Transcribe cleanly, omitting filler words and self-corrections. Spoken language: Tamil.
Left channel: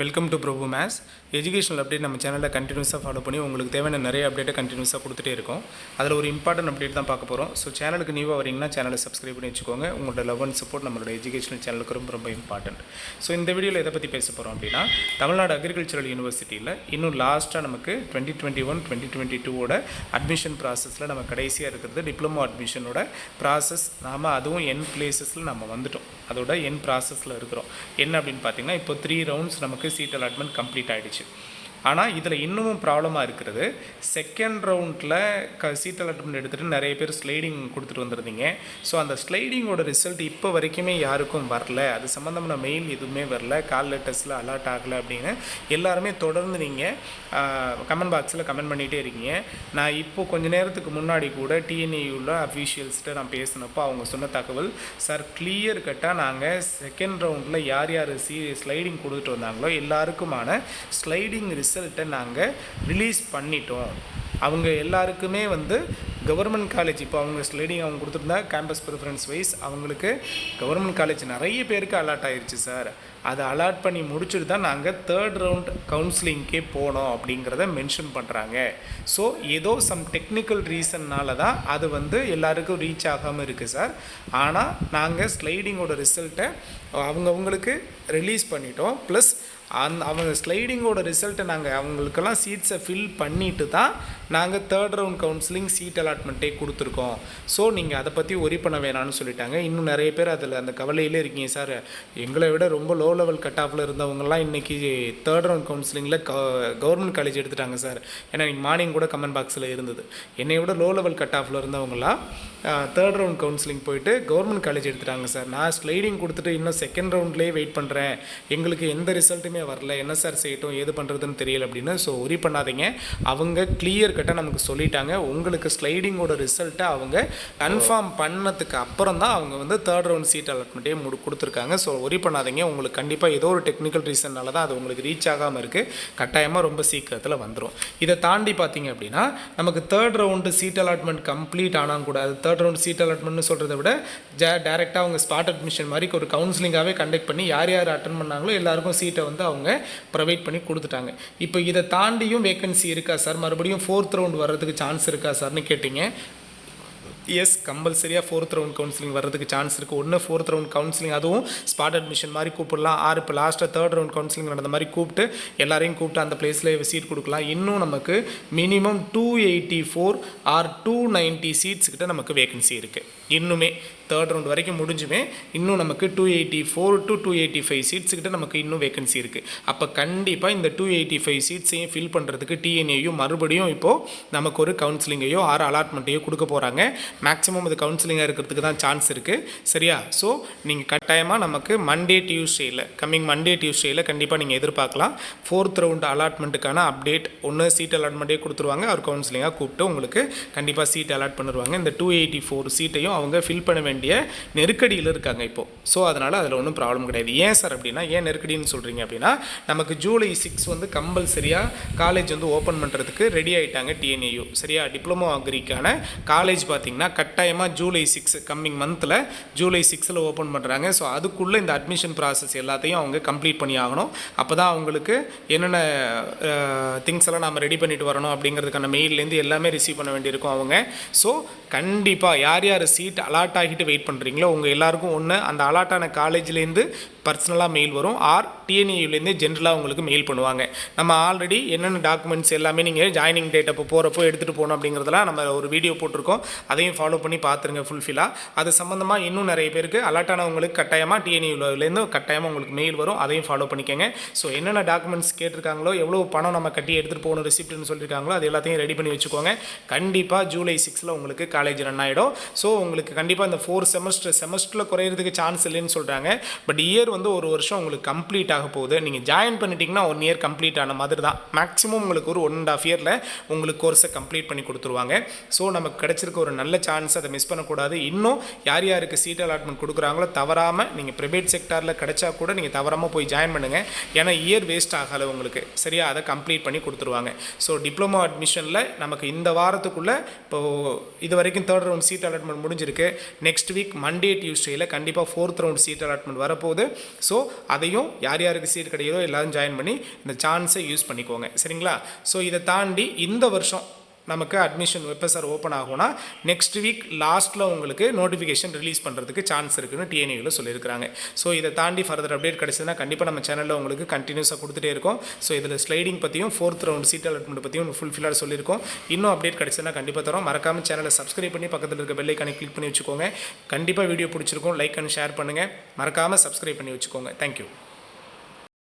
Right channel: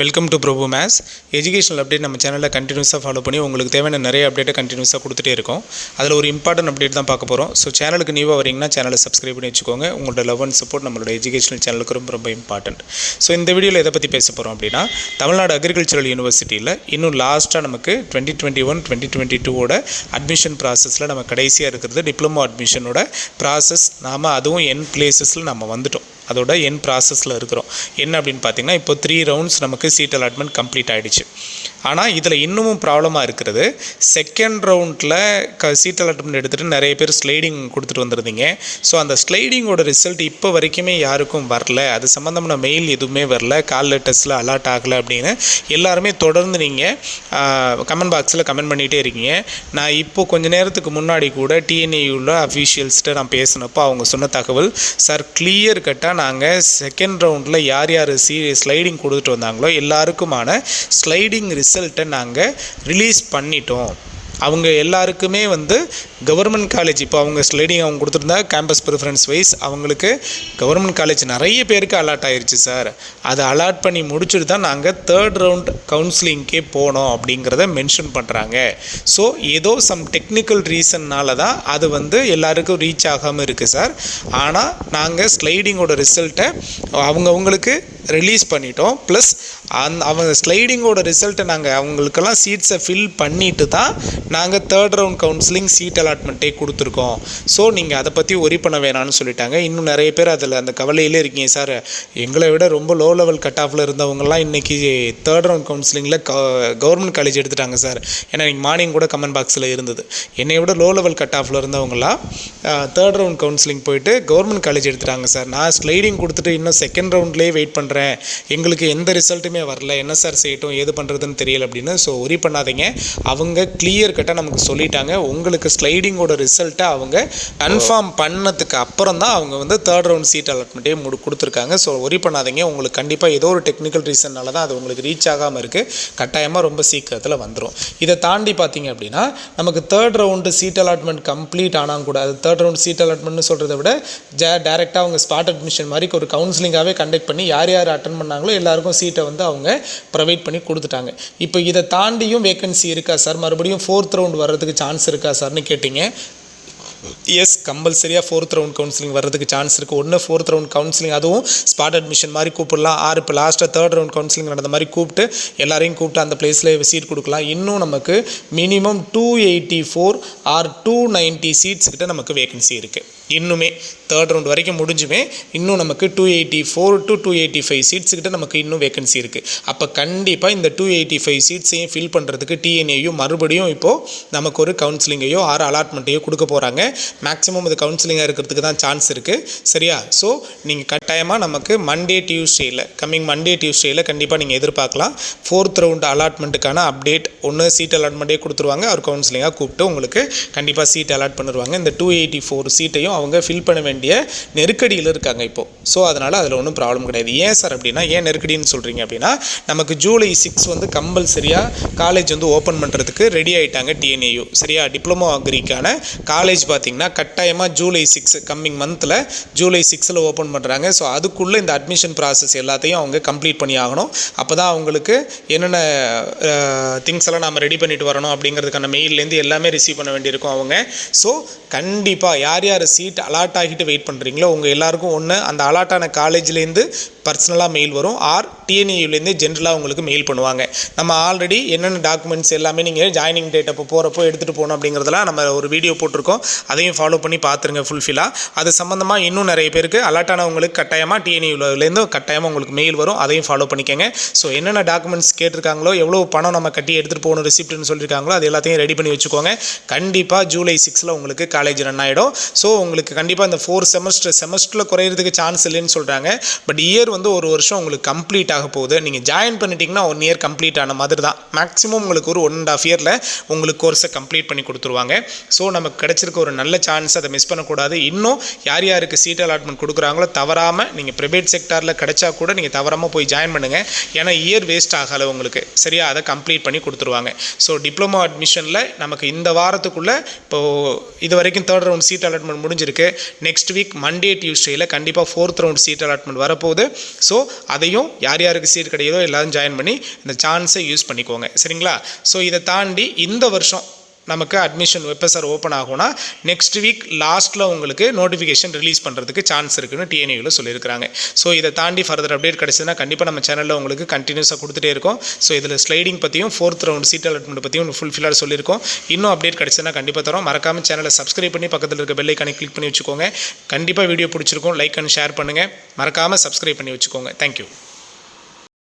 Welcome to Prabhu maths educational update நம்ம சேனலில் கண்டினியூஸாக ஃபாலோ பண்ணி உங்களுக்கு தேவையான நிறைய அப்டேட்டை கண்டினியூஸாக கொடுத்துட்டே இருக்கோம். அதில் ஒரு இம்பார்ட்டன்ட் அப்டேட் தான் பார்க்க போகிறோம். ஸோ சேனலுக்கு நியூவாக வரீங்கன்னா சேனலை சப்ஸ்கிரைப் பண்ணி வச்சுக்கோங்க. உங்களோட லவ் அண்ட் சப்போர்ட் நம்மளோட எஜுகேஷனல் சேனலுக்கு ரொம்ப ரொம்ப இம்பார்ட்டன்ட். ஸோ இந்த வீடியோவில் எதை பற்றி பேச போகிறோம் அப்படின்னா, தமிழ்நாடு அக்ரிகல்ச்சரல் யூனிவர்சிட்டியில் இன்னும் லாஸ்ட்டாக நமக்கு 2021-2022 அட்மிஷன் ப்ராசஸில் நம்ம கடைசியாக இருக்கிறது டிப்ளமோ அட்மிஷனோட ப்ராசஸ். நாம் அதுவும் என் பிளேசஸில் நம்ம வந்துட்டோம். அதோட என் ப்ராசஸில் இருக்கிறோம். என்ன அப்படின்னு பார்த்தீங்கன்னா, இப்போ 3 ரவுண்ட்ஸ் நமக்கு சீட் அலாட்மெண்ட் கம்ப்ளீட் ஆகிடுச்சு. ஆனால் இதில் இன்னமும் ப்ராப்ளமாக இருக்கிறது, செகண்ட் ரவுண்டில் சீட் அலாட்மெண்ட் எடுத்துகிட்டு நிறைய பேர் ஸ்லைடிங் கொடுத்துட்டு வந்துருந்தீங்க. ஸோ அந்த ஸ்லைடிங்கோட ரிசல்ட் இப்போ வரைக்குமே யாருக்கும் வரல. அது சம்மந்தமான மெயில் எதுவுமே வரல, கால் லெட்டர்ஸில் அலாட் ஆகலை அப்படின்னு எல்லாருமே தொடர்ந்து நீங்கள் கமெண்ட் பாக்ஸில் கமெண்ட் பண்ணிகிட்டே இருக்கீங்க. நான் இப்போ கொஞ்சம் நேரத்துக்கு முன்னாடி கூட டிஎன்ஏயூவில் அஃபீஷியல்ஸ்கிட்ட நான் பேசினப்போ அவங்க சொன்ன தகவல், சார் கிளியர் கட்டாக நாங்கள் செகண்ட் ரவுண்டில் யார் யார் ஸ்லைடிங் கொடுத்துட்டு வந்தாங்களோ எல்லாருக்குமான ஸ்லைடிங் ரிசல்ட்டை நாங்கள் ரிலீஸ் பண்ணிட்டோம். அவங்க எல்லாருக்குமே கவர்மெண்ட் காலேஜ், இப்போ அவங்க ஸ்லைடிங் அவங்க கொடுத்துருந்தா கேம்பஸ் ப்ரிஃபரன்ஸ் வைஸ் அவங்களுக்கு கவர்மெண்ட் காலேஜ் நிறைய பேருக்கு அலாட் ஆயிடுச்சு சார். அதை அலாட் பண்ணி முடிச்சுட்டு தான் நாங்கள் தேர்ட் ரவுண்ட் கவுன்சிலிங்க்கே போனோம் அப்படிங்கிறத மென்ஷன் பண்ணுறாங்க. ஸோ ஏதோ சம் டெக்னிக்கல் ரீசன்னால் தான் அது எல்லாருக்கும் ரீச் ஆகாமல் இருக்குது சார். ஆனால் நாங்கள் ஸ்லைடிங்கோட ரிசல்ட்டை அவங்களுக்கு ரிலீஸ் பண்ணிட்டோம். ப்ளஸ் அவங்க ஸ்லைடிங்கோட ரிசல்ட்டை நாங்கள் அவங்களுக்கெல்லாம் சீட்ஸை ஃபில் பண்ணிட்டு தான் நாங்கள் தேர்ட் ரவுண்ட் கவுன்சிலிங் சீட் அலாட்மெண்ட்டே கொடுத்துருக்கோம். ஸோ நீங்கள் அதை பற்றி ஒரி பண்ண வேணான்னு சொல்லிட்டாங்க. இன்னும் நிறைய பேர் அதில் அந்த கவலையிலே இருக்கீங்க, சார் எங்களை விட ரொம்ப லோ லெவல் கட் ஆஃபில் இருந்தவங்கலாம் இன்றைக்கி தேர்ட் ரவுண்ட் கவுன்சிலிங்கில் கவர்மெண்ட் காலேஜ் எடுத்துட்டாங்க சார். ஏன்னா இன்றைக்கி மார்னிங் கூட கமெண்ட் பாக்ஸில் இருந்தது, என்னை விட லோ லெவல் கட் ஆஃபில் இருந்தவங்களாம் தேர்ட் ரவுண்ட் கவுன்சிலிங் போயிட்டு கவர்மெண்ட் காலேஜ் எடுத்துட்டாங்க சார். நான் ஸ்லைடிங் கொடுத்துட்டு இன்னும் செகண்ட் ரவுண்ட்லேயே வெயிட் பண்ணுறேன், எங்களுக்கு எந்த ரிசல்ட்டுமே வரல, என்ன சார் செய்யட்டும், ஏது பண்ணுறதுன்னு தெரியல அப்படின்னு. ஸோ ஒரி பண்ணாதீங்க, அவங்க கிளியர் கட்டாக நமக்கு சொல்லிட்டாங்க. உங்களுக்கு ஸ்லைடிங்கோட ரிசல்ட்டை அவங்க கன்ஃபார்ம் பண்ணதுக்கு அப்புறம் தான் அவங்க தேர்ட் ரவுண்ட் சீட் அலாட்மெண்ட்டே கொடுத்துருக்காங்க. ஸோ ஒரி பண்ணாதீங்க, உங்களுக்கு கண்டிப்பாக ஏதோ ஒரு டெக்னிக்கல் ரீசன்னால தான் அது உங்களுக்கு ரீச் ஆகாமல் இருக்குது. கட்டாயமாக ரொம்ப சீக்கிரத்தில் வந்துடும். இதை தாண்டி பார்த்தீங்க அப்படின்னா, நமக்கு third round seat allotment complete ஆனால் கூட, அது தேர்ட் ரவுண்ட் சீட் அலாட்மெண்ட்னு சொல்கிறத விட டேரெக்டாக அவங்க ஸ்பாட் அட்மிஷன் மாதிரி ஒரு கவுன்சிலிங்காகவே கண்டக்ட் பண்ணி யார் யார் அட்டன் பண்ணாங்களோ எல்லாருக்கும் சீட்டை அவங்க ப்ரொவைட் பண்ணி கொடுத்துட்டாங்க. இப்போ இதை தாண்டியும் வேகன்சி இருக்கா சார், மறுபடியும் ஃபோர்த் ரவுண்ட் வர்றதுக்கு சான்ஸ் இருக்கா சார்னு கேட்டிங்க. எஸ், கம்பல்சரியாக ஃபோர்த் ரவுண்ட் கவுன்சிலிங் வர்றதுக்கு சான்ஸ் இருக்குது. ஒன்று ஃபோர்த் ரவுண்ட் கவுன்சிலிங், அதுவும் ஸ்பாட் அட்மிஷன் மாதிரி கூப்பிடலாம். இப்போ லாஸ்ட்டாக தேர்ட் ரவுண்ட் கவுன்சிலிங் நடந்த மாதிரி கூப்பிட்டு எல்லாரையும் கூப்பிட்டு அந்த பிளேஸில் சீட் கொடுக்கலாம். இன்னும் நமக்கு மினிமம் 284 ஆர் 290 சீட்ஸ் கிட்ட நமக்கு வேகன்சி இருக்குது. இன்னுமே தேர்ட் ரவுண்ட் வரைக்கும் முடிஞ்சுமே இன்னும் நமக்கு 284 to 285 சீட்ஸ் கிட்ட நமக்கு இன்னும் வேகன்சி இருக்குது. அப்போ கண்டிப்பாக இந்த 285 சீட்ஸையும் ஃபில் பண்ணுறதுக்கு டிஎன்ஏயூ மறுபடியும் இப்போது நமக்கு ஒரு கவுன்சிலிங்கையோ ஆறு அலாட்மெண்ட்டையோ கொடுக்க போகிறாங்க. மேக்ஸிமம் அது கவுன்சிலிங்காக இருக்கிறதுக்கு தான் சான்ஸ் இருக்குது, சரியா? ஸோ நீங்கள் கட்டாயமாக நமக்கு கம்மிங் மண்டே டியூஸ்டேயில் கண்டிப்பாக நீங்கள் எதிர்பார்க்கலாம் ஃபோர்த் ரவுண்ட் அலாட்மெண்ட்டுக்கான அப்டேட். ஒன்று சீட் அலாட்மெண்ட்டே கொடுத்துருவாங்க, அவர் கவுன்சிலிங்காக கூப்பிட்டு உங்களுக்கு கண்டிப்பாக சீட் அலாட் பண்ணிடுவாங்க. இந்த 284 சீட்டையும் அவங்க ஃபில் பண்ண வேண்டிய நெருக்கடியில் இருக்காங்க இப்போது. ஸோ அதனால் அதில் ஒன்றும் ப்ராப்ளம் கிடையாது. ஏன் சார் அப்படின்னா, ஏன் நெருக்கடின்னு சொல்கிறீங்க அப்படின்னா, நமக்கு ஜூலை 6 கம்பல்சரியாக காலேஜ் ஓப்பன் பண்ணுறதுக்கு ரெடி ஆகிட்டாங்க டிஎன்ஏயூ, சரியா? டிப்ளமோ அக்ரிக்கான காலேஜ் பார்த்திங்கன்னா கட்டாயமாக ஜூலை 6 கம்மிங் மந்தில் ஜூலை 6 ஓப்பன் பண்ணுறாங்க. ஸோ அதுக்குள்ளே இந்த அட்மிஷன் ப்ராசஸ் எல்லாத்தையும் அவங்க கம்ப்ளீட் பண்ணி ஆகணும். அப்போ தான் அவங்களுக்கு என்னென்ன திங்ஸ் எல்லாம் நம்ம ரெடி பண்ணிட்டு வரணும் அப்படிங்கிறதுக்கான மெயிலேருந்து எல்லாமே ரிசீவ் பண்ண வேண்டியிருக்கும் அவங்க. ஸோ கண்டிப்பாக யார் யார் சீட் அலாட் ஆகிட்டு வெயிட் பண்ணுறீங்களோ உங்கள் எல்லாருக்கும் ஒன்று அந்த அலாட்டான காலேஜ்லேருந்து பர்சனலாக மெயில் வரும், ஆர் டிஎன்ஏயூலேருந்து ஜென்ரலாக உங்களுக்கு மெயில் பண்ணுவாங்க. நம்ம ஆல்ரெடி என்னென்ன டாக்குமெண்ட்ஸ் எல்லாமே நீங்கள் ஜாயினிங் டேட் அப்போ போகிறப்போ எடுத்துகிட்டு போகணும் அப்படிங்கிறதெல்லாம் நம்ம ஒரு வீடியோ போட்டிருக்கோம். அதையும் ஃபாலோ பண்ணி பார்த்துருங்க ஃபுல்ஃபில்லாக. அது சம்மந்தமாக இன்னும் நிறைய பேருக்கு அலாட்டானவங்களுக்கு கட்டாயமாக டிஎன்ஏயூலேருந்து கட்டாயமாக உங்களுக்கு மெயில் வரும், அதையும் ஃபாலோ பண்ணிக்கோங்க. ஸோ என்னென்ன டாக்குமெண்ட்ஸ் கேட்டிருக்காங்களோ, எவ்வளோ பணம் நம்ம கட்டி எடுத்துகிட்டு போகணும் ரிசிப்ட்னு சொல்லியிருக்காங்களோ அது எல்லாத்தையும் ரெடி பண்ணி வச்சுக்கோங்க. கண்டிப்பாக ஜூலை 6 உங்களுக்கு காலேஜ் ரன் ஆகிடும். ஸோ உங்களுக்கு கண்டிப்பாக இந்த 4 செமஸ்டரில் குறையிறதுக்கு சான்ஸ் இல்லைன்னு சொல்கிறாங்க. பட் இயர் ஒரு வருஷம் உங்களுக்கு கம்ப்ளீட் ஆக போகுது. நீங்கள் ஜாயின் பண்ணிட்டீங்கன்னா 1 இயர் கம்ப்ளீட் ஆன மாதிரி தான். மேக்ஸிமம் உங்களுக்கு ஒரு 1.5 இயரில் உங்களுக்கு கோர்ஸை கம்ப்ளீட் பண்ணி கொடுத்துருவாங்க. ஸோ நமக்கு கிடைச்சிருக்க ஒரு நல்ல சான்ஸ், அதை மிஸ் பண்ணக்கூடாது. இன்னும் யார் யாருக்கு சீட் அலாட்மெண்ட் கொடுக்குறாங்களோ தவறாமல் நீங்கள் ப்ரைவேட் செக்டாரில் கிடைச்சா கூட நீங்கள் தவறாமல் போய் ஜாயின் பண்ணுங்கள். ஏன்னா இயர் வேஸ்ட் ஆகலை உங்களுக்கு, சரியா? அதை கம்ப்ளீட் பண்ணி கொடுத்துருவாங்க. ஸோ டிப்ளமோ அட்மிஷனில் நமக்கு இந்த வாரத்துக்குள்ளே இப்போது இது வரைக்கும் தேர்ட் ரவுண்ட் சீட் அலாட்மெண்ட் முடிஞ்சிருக்கு. நெக்ஸ்ட் வீக் மண்டே டியூஸ்டேயில் கண்டிப்பாக ஃபோர்த் ரவுண்ட் சீட் அலாட்மெண்ட் வரப்போகுது. ஸோ அதையும் யார் யார் யாருக்கு சீட் கிடைக்குதோ எல்லாரும் ஜாயின் பண்ணி இந்த சான்ஸை யூஸ் பண்ணிக்கோங்க. சரிங்களா? ஸோ இதை தாண்டி இந்த வருஷம் நமக்கு அட்மிஷன் வெப்எஸ்ஆர் ஓப்பன் ஆகும்னா நெக்ஸ்ட் வீக் லாஸ்ட்டில் உங்களுக்கு நோட்டிஃபிகேஷன் ரிலீஸ் பண்ணுறதுக்கு சான்ஸ் இருக்குன்னு TNAUவில் சொல்லியிருக்காங்க. ஸோ இதை தாண்டி ஃபர்தர் அப்டேட் கிடச்சுன்னா கண்டிப்பாக நம்ம சேனலில் உங்களுக்கு கண்டினியூஸாக கொடுத்துட்டே இருக்கும். ஸோ இதில் ஸ்லைடிங் பற்றியும் 4th ரவுண்ட் சீட் அலாட்மெண்ட் பற்றியும் ஃபுல்ஃபில்லாக சொல்லியிருக்கோம். இன்னும் அப்டேட் கிடச்சுன்னா கண்டிப்பாக தரோம். மறக்காமல் சேனலை சப்ஸ்கிரைப் பண்ணி பக்கத்தில் இருக்க பெல் ஐக்கானை கிளிக் பண்ணி வச்சுக்கோங்க. கண்டிப்பாக வீடியோ பிடிச்சிருக்கும். லைக் அண்ட் ஷேர் பண்ணுங்கள். மறக்காமல் சப்ஸ்கிரைப் பண்ணி வச்சுக்கோங்க. தேங்க்யூ.